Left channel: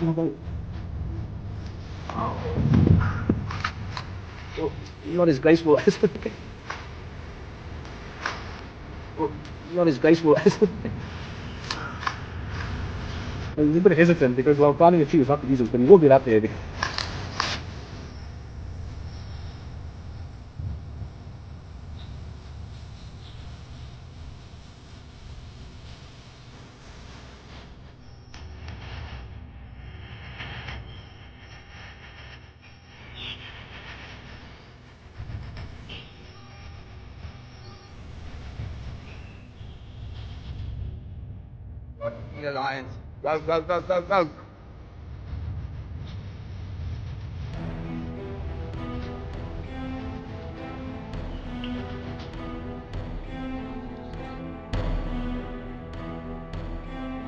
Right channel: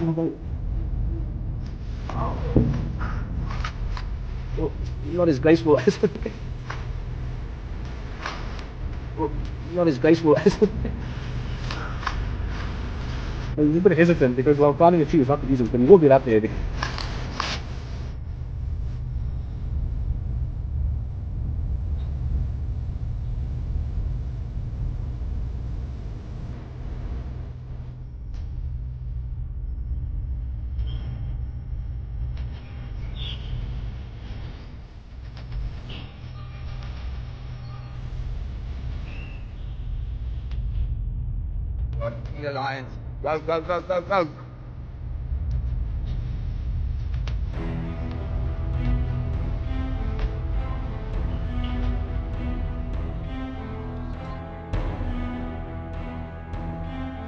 Not as graceful as not as graceful as I'm a little bit hesitant because while climbing a tree is not the easiest, but you will get up there. The lions. Go, go, go, go, go.